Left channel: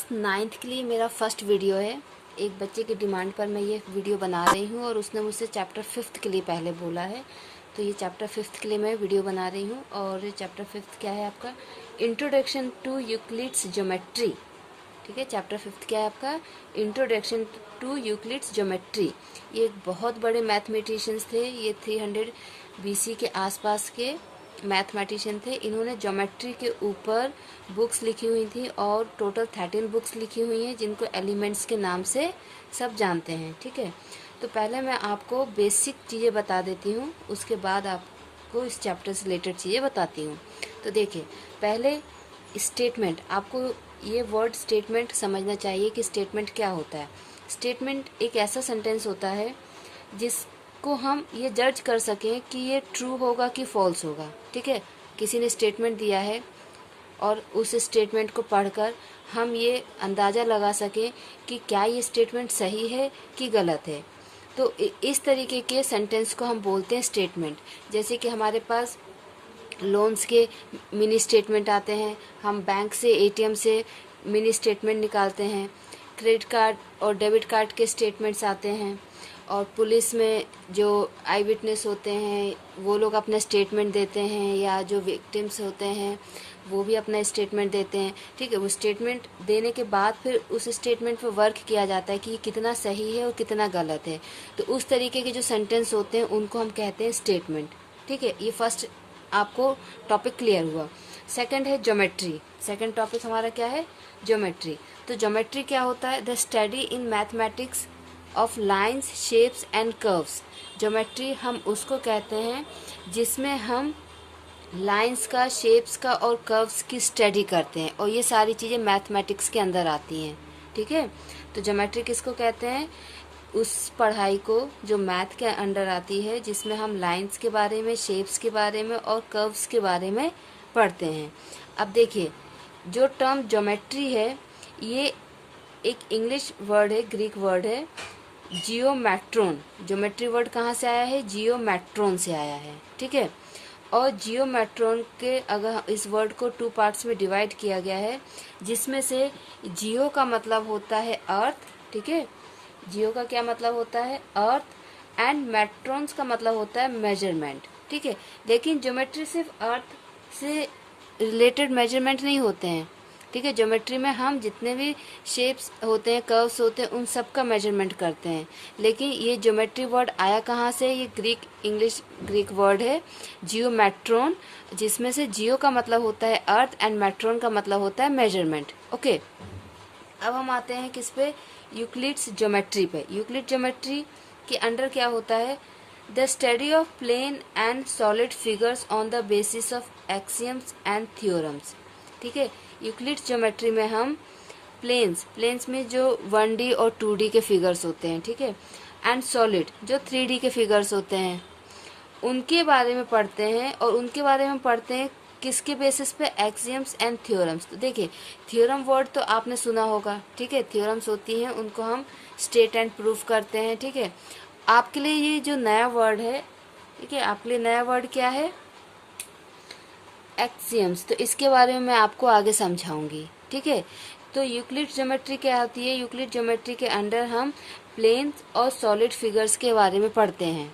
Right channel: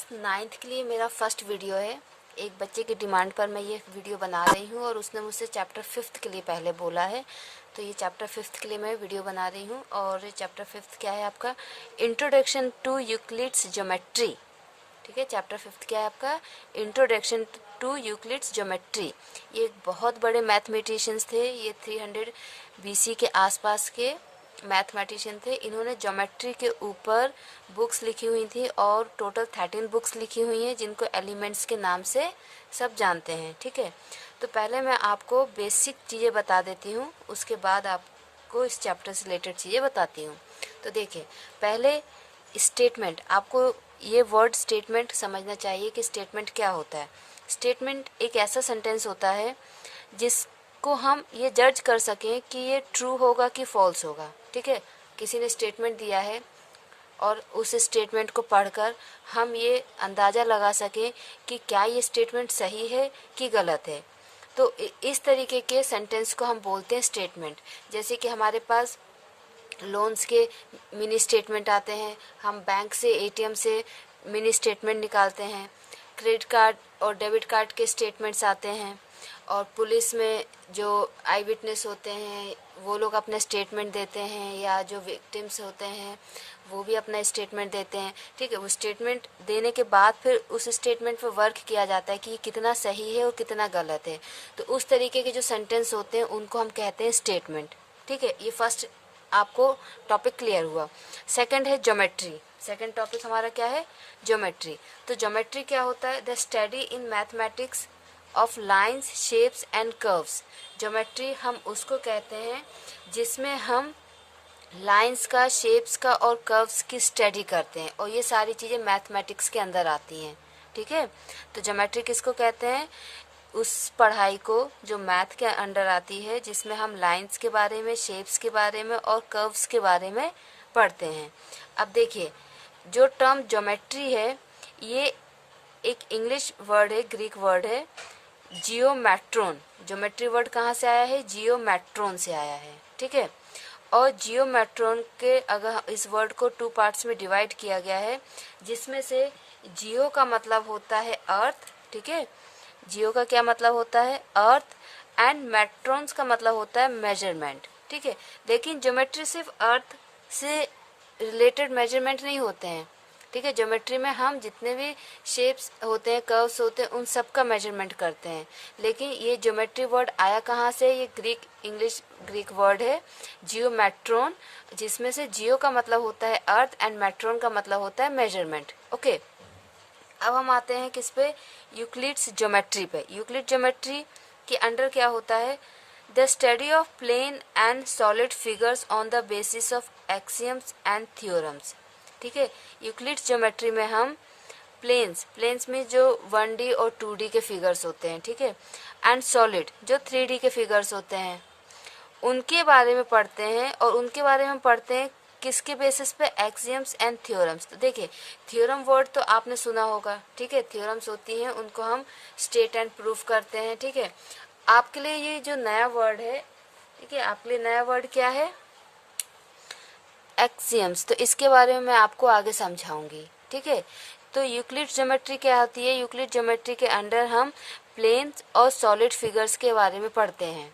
Class 9th के लिए मेरा फर्स्ट वीडियो है। एक बच्चे की डिमांड पर मैं ये वीडियो बना रही हूँ और उसने मुझसे चैप्टर 5th के लिए पहले बोला है, तो ये चैप्टर 5th के लिए मैं वीडियो बना रही हूँ। और चैप्टर 5th क्या है आपका? Introduction to Euclid's geometry. ठीक है, चैप्टर 5th क्या है आपका? Introduction to Euclid's geometry. ये एक बहुत बड़े मैथमेटिशियंस थे, ये 300 BC के आसपास के मैथमेटिशियन थे। इन्होंने ज्योमेट्री के ऊपर बुक्स लिखी हुई थी और टोटल 13 बुक्स लिखी हुई हैं, जिनको एलिमेंट्स के नाम से सब जानते हैं। ठीक है, तो पहले मैं आपको बेसिक चीज़ें बता देती हूँ, उसके बाद आपको इस चैप्टर से रिलेटेड चीज़ें बताती हूँ। तो देखिए, पहले स्टेटमेंट, आपको ये वर्ड स्टेटमेंट समझना चाहिए कि स्टेटमेंट क्या होता है। स्टेटमेंट एक ऐसा सेंटेंस होता है जिसको हम ये जज कर सकें कि ये ट्रू होगा कि फॉल्स होगा। ठीक है, किसी ने स्टेटमेंट दिया है और उस स्टेटमेंट को पढ़कर हम ये अंदाज़ा लगा सकें कि क्या ये स्टेटमेंट सही है कि गलत है। तो इस तरीके के सेंटेंस को हम बोलते हैं स्टेटमेंट। जैसे कि हमारे पास लोन्स के मिनी स्टेटमेंट आते हैं, हम बैंक से ATM से मिनी स्टेटमेंट निकालते हैं, क्रेडिट कार्ड और डेबिट कार्ड के स्टेटमेंट्स आते हैं, और पुलिस में जो आई विटनेस होते हैं वो लोग अपना स्टेटमेंट देते हैं, या जो विक्टिम्स होते हैं वो भी अपना स्टेटमेंट देते हैं। ठीक है, वो स्टेटमेंट देने के बाद फिर उस स्टेटमेंट पर वर्क किया जाता है कि कितना सही है और कितना गलत है। तो उस तरीके के जो सेंटेंस होते हैं उनको हम कहते हैं स्टेटमेंट। ठीक है, ये फर्स्ट आपको टॉपिक क्लियर हुआ। सेकंड है ज्योमेट्री। सेकंड टॉपिक हमारा क्या है? ज्योमेट्री। तो ज्योमेट्री क्या होता है? The study in mathematics of lines, shapes and curves. Geometry हम उसको कहते हैं जिसमें हम लाइंस का, शेप्स का और कर्व्स की स्टडी करते हैं, और ये सारी चीज़ें मैथमेटिक्स के अंदर आती हैं। ठीक है, तो ज्योमेट्री किसको कहते हैं? उस पढ़ाई को जो मैथ के अंडर आती है, जिसमें हम लाइंस के बारे में, शेप्स के बारे में और कर्व्स के बारे में पढ़ते हैं। अब देखिए, जो टर्म ज्योमेट्री है ये एक इंग्लिश वर्ड है, ग्रीक वर्ड है, जियोमेट्रॉन। ज्योमेट्री वर्ड कहाँ से आया है? जियोमेट्रॉन से आया है। ठीक है, और जियोमेट्रॉन के अगर इस वर्ड को 2 पार्ट्स में डिवाइड किया गया है, जिसमें से जियो का मतलब होता है अर्थ। ठीक है, जियो का क्या मतलब होता है? अर्थ, एंड मेट्रॉन्स का मतलब होता है मेजरमेंट। ठीक है, लेकिन ज्योमेट्री सिर्फ अर्थ से रिलेटेड मेजरमेंट नहीं होते हैं। ठीक है, ज्योमेट्री में हम जितने भी शेप्स होते हैं, कर्व्स होते हैं, उन सब का मेजरमेंट करते हैं। लेकिन ये ज्योमेट्री वर्ड आया कहाँ से? ये इंग्लिश ग्रीक वर्ड है जियोमेट्रॉन, जिसमें से जियो का मतलब होता है अर्थ एंड मेट्रॉन का मतलब होता है मेजरमेंट। ओके, अब हम आते हैं किस पे? यूक्लिड्स ज्योमेट्री पे। यूक्लिड ज्योमेट्री के अंडर क्या होता है? The study of plane and solid figures on the basis of axioms and theorems. ठीक है, यूक्लिड्स ज्योमेट्री में हम प्लेन्स में जो 1D और 2D के फिगर्स होते हैं, ठीक है, एंड सॉलिड जो 3D के फिगर्स होते हैं, उनके बारे में पढ़ते हैं। और उनके बारे में पढ़ते हैं किसके बेसिस पे? Axioms and theorems. तो देखिए, थ्योरम वर्ड तो आपने सुना होगा। ठीक है, थ्योरम्स होती हैं, उनको हम स्टेट एंड प्रूफ करते हैं। ठीक है, आपके लिए ये जो नया वर्ड है, ठीक है, आपके लिए नया वर्ड क्या है? एक्सियम्स। तो इसके बारे में मैं आपको आगे समझाऊंगी। ठीक है, तो यूक्लिड ज्योमेट्री क्या होती है? यूक्लिड ज्योमेट्री के अंडर हम प्लेन्स और सॉलिड फिगर्स के बारे में पढ़ते हैं।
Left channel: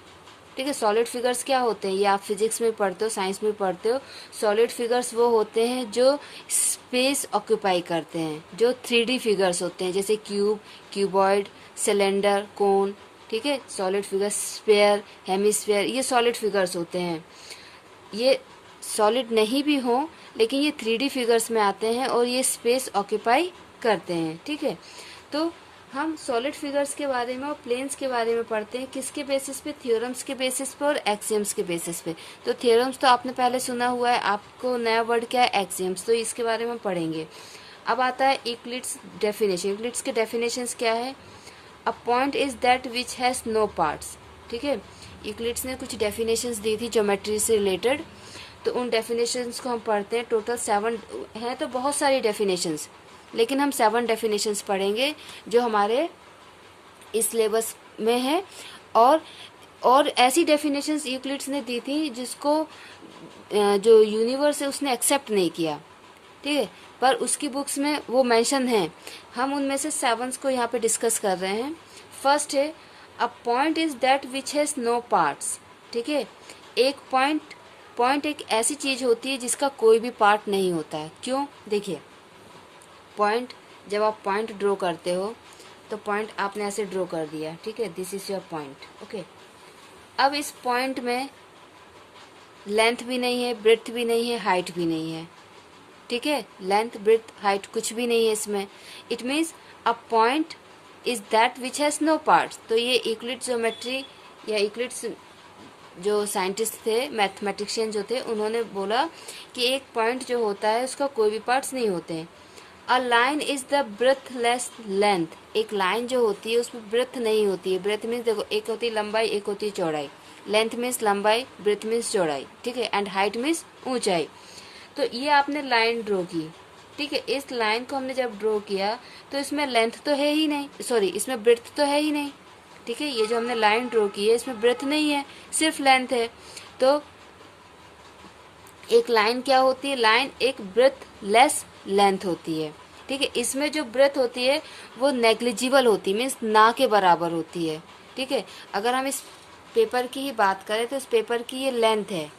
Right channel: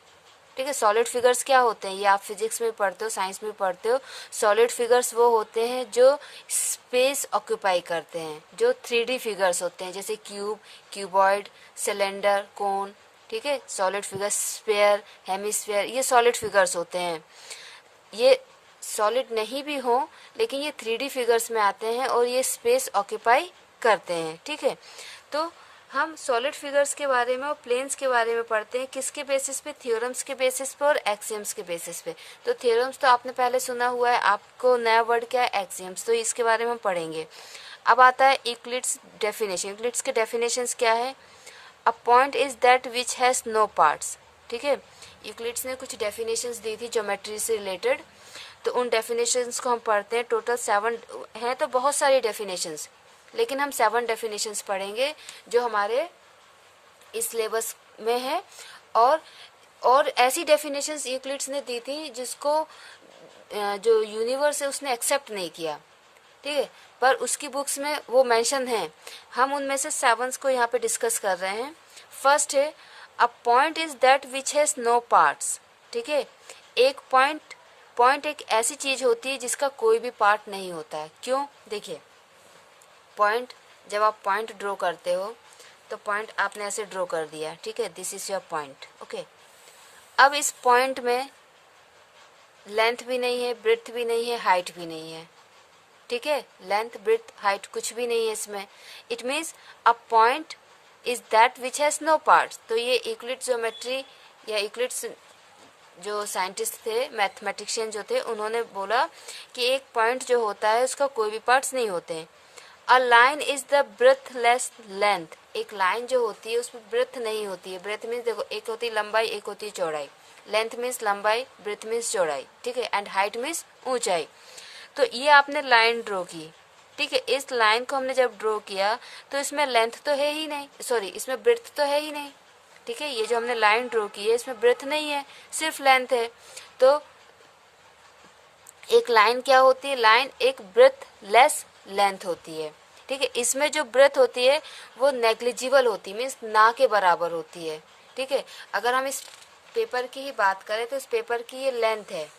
ठीक है, सॉलिड फिगर्स क्या होते हैं? ये आप फिजिक्स में पढ़ते हो, साइंस में पढ़ते हो। सॉलिड फिगर्स वो होते हैं जो स्पेस ऑक्यूपाई करते हैं, जो 3D फिगर्स होते हैं, जैसे क्यूब, क्यूबॉइड, सिलेंडर, कोन। ठीक है, सॉलिड फिगर्स, स्फीयर, हेमिस्फीयर, ये सॉलिड फिगर्स होते हैं। ये सॉलिड नहीं भी हो, लेकिन ये 3D फिगर्स में आते हैं और ये स्पेस ऑक्यूपाई करते हैं। ठीक है, तो हम सॉलिड फिगर्स के बारे में और प्लेन्स के बारे में पढ़ते हैं किसके बेसिस पे? थ्योरम्स के बेसिस पे और एक्सियम्स के बेसिस पे। तो थ्योरम्स तो आपने पहले सुना हुआ है, आपको नया वर्ड क्या है? एक्सियम्स। तो इसके बारे में पढ़ेंगे। अब आता है यूक्लिड्स डेफिनेशन। यूक्लिड्स के डेफिनेशंस क्या है? A point is that which has no parts. ठीक है, यूक्लिड्स ने कुछ डेफिनेशंस दी थी ज्योमेट्री से रिलेटेड, तो उन डेफिनेशंस को हम पढ़ते हैं। टोटल 7 है, तो बहुत सारी डेफिनेशंस, लेकिन हम 7 डेफिनेशंस पढ़ेंगे जो हमारे इस सिलेबस में है। और ऐसी डेफिनेशंस यूक्लिड्स ने दी थी जिसको जो यूनिवर्स है उसने एक्सेप्ट नहीं किया। ठीक है, पर उसकी बुक्स में वो मेंशन है। हम उनमें से 7 को यहाँ पे डिस्कस कर रहे हैं। फर्स्ट है a point is that which has no parts. ठीक है, एक पॉइंट एक ऐसी चीज होती है जिसका कोई भी पार्ट नहीं होता है। क्यों? देखिए, पॉइंट, जब आप पॉइंट ड्रॉ करते हो तो पॉइंट आपने ऐसे ड्रॉ कर दिया, ठीक है, this is your point. Okay, अब इस पॉइंट में लेंथ भी नहीं है, ब्रेड्थ भी नहीं है, हाइट भी नहीं है। ठीक है, लेंथ, ब्रेड्थ, हाइट कुछ भी नहीं है इसमें। It means a point is that which has no parts. तो ये यूक्लिड ज्योमेट्री या यूक्लिड्स जो साइंटिस्ट थे, मैथमेटिशियन जो थे, उन्होंने बोला कि एक पॉइंट जो होता है उसका कोई भी पार्ट्स नहीं होते हैं। A line is the breathless length. एक लाइन जो होती है उसमें ब्रेथ नहीं होती है। ब्रेथ मीन्स देखो, एक होती है लंबाई, एक होती है चौड़ाई। लेंथ मीन्स लंबाई, ब्रेथ मीन्स चौड़ाई, ठीक है, एंड हाइट मीन्स ऊंचाई। तो ये आपने लाइन ड्रॉ की, ठीक है, इस लाइन को हमने जब ड्रॉ किया तो इसमें लेंथ तो है ही नहीं, सॉरी, इसमें ब्रेथ तो है ही नहीं। ठीक है, ये जो हमने लाइन ड्रॉ की है इसमें ब्रेथ नहीं है, सिर्फ लेंथ है। तो एक लाइन क्या होती है? लाइन एक ब्रेथ लेस लेंथ होती है। ठीक है, इसमें जो ब्रेथ होती है वो नेग्लिजिबल होती है, मीन्स ना के बराबर होती है। ठीक है, अगर हम इस पेपर की ही बात करें तो इस पेपर की ये लेंथ है,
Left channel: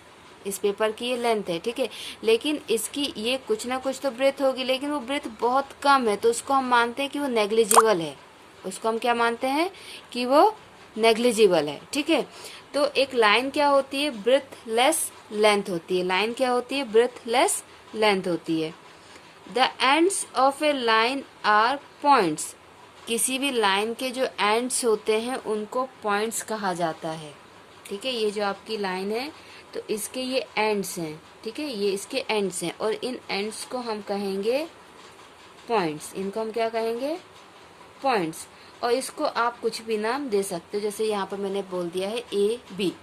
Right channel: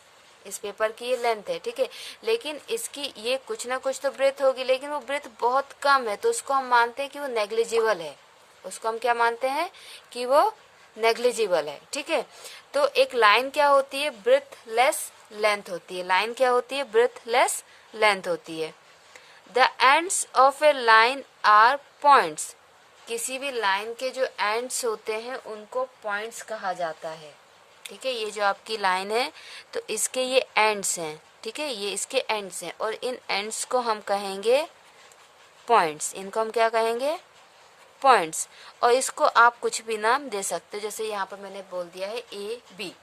इस पेपर की ये लेंथ है, ठीक है, लेकिन इसकी ये कुछ ना कुछ तो ब्रेथ होगी, लेकिन वो ब्रेथ बहुत कम है, तो उसको हम मानते हैं कि वो नेग्लिजिबल है। उसको हम क्या मानते हैं? कि वो नेग्लिजिबल है। ठीक है, तो एक लाइन क्या होती है? ब्रेथलेस लेंथ होती है। लाइन क्या होती है? ब्रेथलेस लेंथ होती है। The ends of a line are points. किसी भी लाइन के जो एंड्स होते हैं उनको पॉइंट्स कहा जाता है। ठीक है, ये जो आपकी लाइन है तो इसके ये एंड्स हैं, ठीक है, ये इसके एंड्स हैं, और इन एंड्स को हम कहेंगे पॉइंट्स। इनको हम क्या कहेंगे? पॉइंट्स। और इसको आप कुछ भी नाम दे सकते, जैसे यहाँ पर मैंने बोल दिया है ए बी।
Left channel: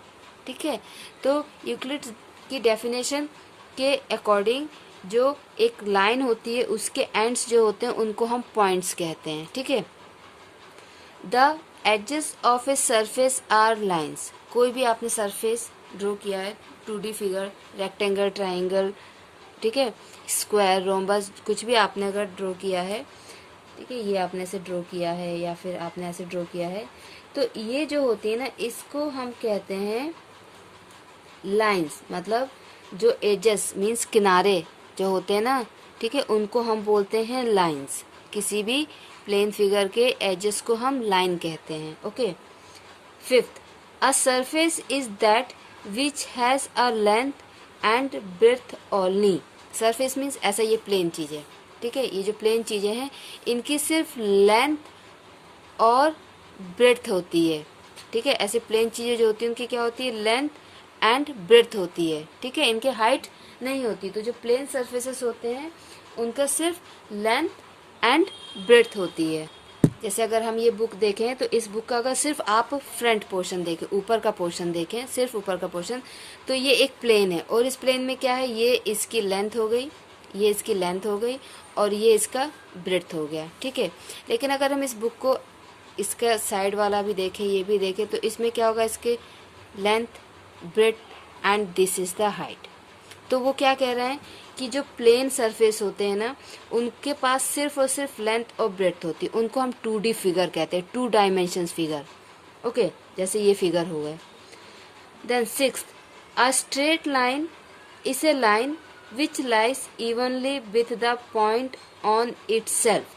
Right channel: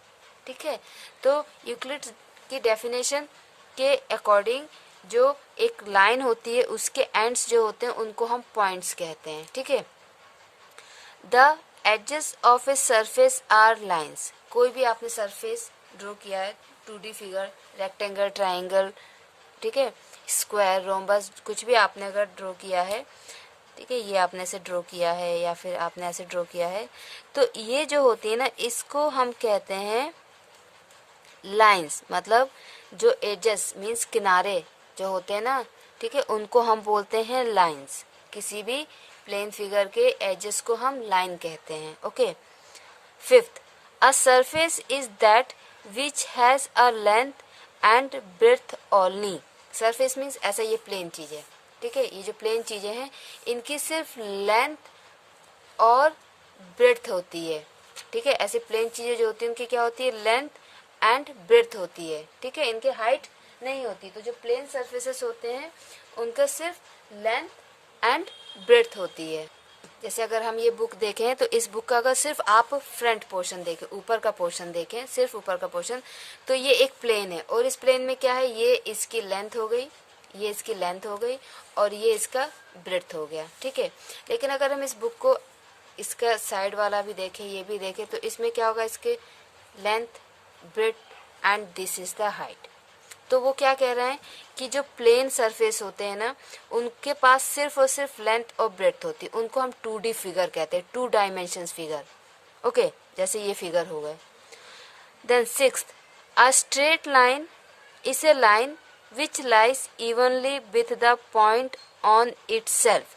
ठीक है, तो यूक्लिड की डेफिनेशन के अकॉर्डिंग जो एक लाइन होती है उसके एंड्स जो होते हैं उनको हम पॉइंट्स कहते हैं। ठीक है, the edges of a surface are lines. कोई भी आपने सरफेस ड्रॉ किया है, 2D फिगर, रेक्टेंगल, ट्राइंगल, ठीक है, स्क्वायर, रोम्बस, कुछ भी आपने अगर ड्रॉ किया है, ठीक है, ये आपने ऐसे ड्रॉ किया है या फिर आपने ऐसे ड्रॉ किया है, तो ये जो होती है ना, इसको हम कहते हैं लाइंस। मतलब जो एजेस मीन्स किनारे जो होते हैं ना, ठीक है, उनको हम बोलते हैं लाइंस। किसी भी प्लेन फिगर के एजेस को हम लाइन कहते हैं। Okay, fifth, a surface is that which has a length and breadth only. Surface means ऐसा ये प्लेन चीज है, ठीक है, ये जो प्लेन चीजें हैं इनकी सिर्फ लेंथ और ब्रेथ होती है। ठीक है, ऐसे प्लेन चीजें जो होती है उनकी क्या होती है? लेंथ एंड ब्रेथ होती है। ठीक है, इनके हाइट नहीं होती। तो जो प्लेन सरफेसेस होते हैं उनका सिर्फ लेंथ एंड ब्रेथ होती है। जैसे अगर हम ये बुक देखें तो इस बुक का अगर सिर्फ आप फ्रंट पोर्शन देखें, ऊपर का पोर्शन देखें, सिर्फ ऊपर का पोर्शन, तो ये एक प्लेन है, और इस प्लेन में क्या है? ये इसकी लेंथ हो गई, ये इसकी लेंथ हो गई, और ये इसका ब्रेथ हो गया। ठीक है, लेकिन अगर हम इस बुक को इसका साइड वाला भी देखें, ये भी देखें, तो इसमें क्या होगा? इसके length, breadth and this is the height. तो वो क्या कह रहे हैं कि जो प्लेन सरफेस होते हैं ना, उनके पास सिर्फ और सिर्फ लेंथ और ब्रेथ होती है। उनको हम 2D फिगर कहते हैं, 2 डायमेंशंस फिगर। ओके, जैसे ये फिगर हो गए। Then sixth, a straight line is a line which lies evenly with the point on itself.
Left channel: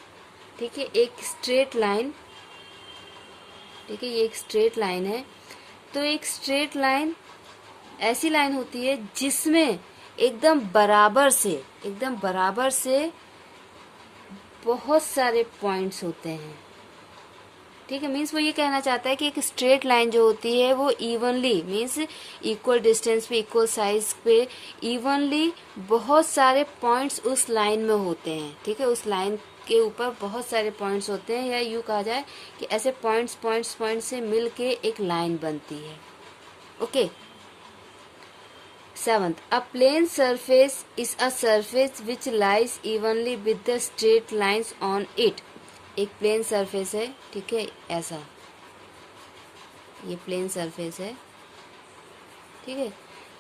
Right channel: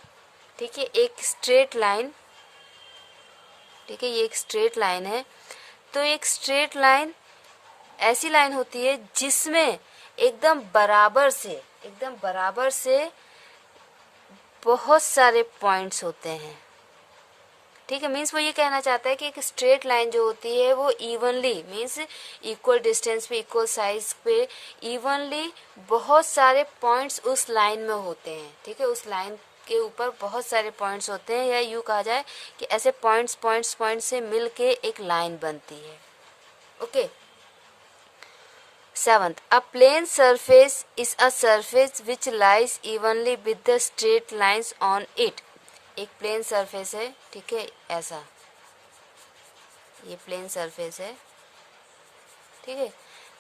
ठीक है, एक स्ट्रेट लाइन, ठीक है, ये एक स्ट्रेट लाइन है। तो एक स्ट्रेट लाइन ऐसी लाइन होती है जिसमें एकदम बराबर से बहुत सारे पॉइंट्स होते हैं। ठीक है, मीन्स वो ये कहना चाहता है कि एक स्ट्रेट लाइन जो होती है वो इवनली मीन्स इक्वल डिस्टेंस पे, इक्वल साइज पे, इवनली बहुत सारे पॉइंट्स उस लाइन में होते हैं। ठीक है, उस लाइन के ऊपर बहुत सारे पॉइंट्स होते हैं, या यूँ कहा जाए कि ऐसे पॉइंट्स से मिल के एक लाइन बनती है। Okay, seventh, a plane surface is a surface which lies evenly with the straight lines on it. एक प्लेन सरफेस है, ठीक है, ऐसा ये प्लेन सरफेस है, ठीक है,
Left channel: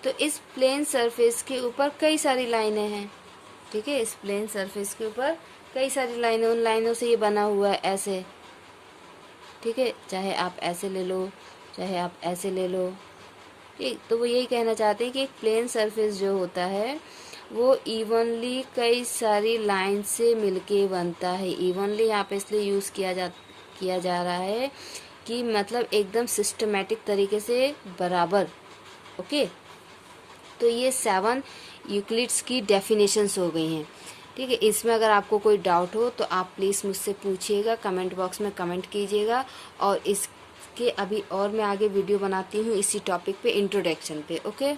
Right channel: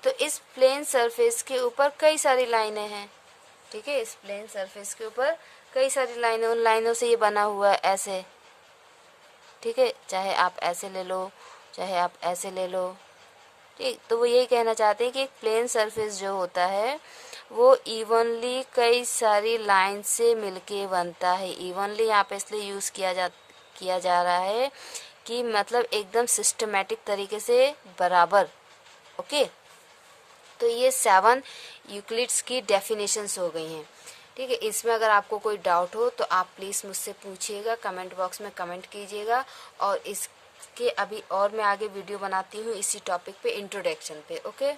तो इस प्लेन सरफेस के ऊपर कई सारी लाइनें हैं, ठीक है। इस प्लेन सरफेस के ऊपर कई सारी लाइनें, उन लाइनों से ये बना हुआ है ऐसे, ठीक है। चाहे आप ऐसे ले लो, चाहे आप ऐसे ले लो, ठीक। तो वो यही कहना चाहते हैं कि एक प्लेन सरफेस जो होता है वो इवनली कई सारी लाइन से मिलके बनता है। इवनली यहाँ पे इसलिए यूज़ किया जा रहा है कि मतलब एकदम सिस्टमेटिक तरीके से बराबर। ओके, तो ये 7 यूक्लिड्स की डेफिनेशंस हो गई हैं, ठीक है। इसमें अगर आपको कोई डाउट हो तो आप प्लीज़ मुझसे पूछिएगा, कमेंट बॉक्स में कमेंट कीजिएगा। और इसके अभी और मैं आगे वीडियो बनाती हूँ इसी टॉपिक पे, इंट्रोडक्शन पे। ओके।